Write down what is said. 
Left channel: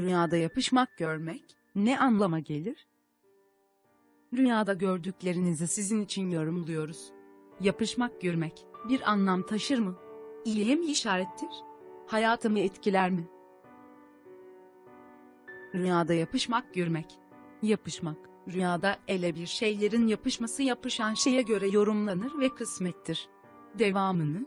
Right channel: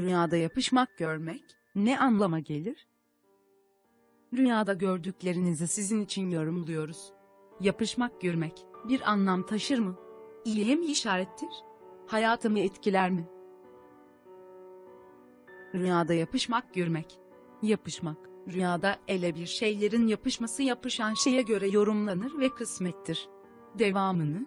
Rüyada yapışmak görmek ne anlama gelir? Rüyada gördüklerinizi sizin için yorumluyoruz. Yapışmak görmek bir anlam taşır mı? İyiye mi işarettir? Hayatımı etkiler mi? Rüyada yapışmak görmek. Yapışmak, rüyada ele bir şeylerin yapışması yapışan şeye göre yorumlanır ve kısmettir. Devamını,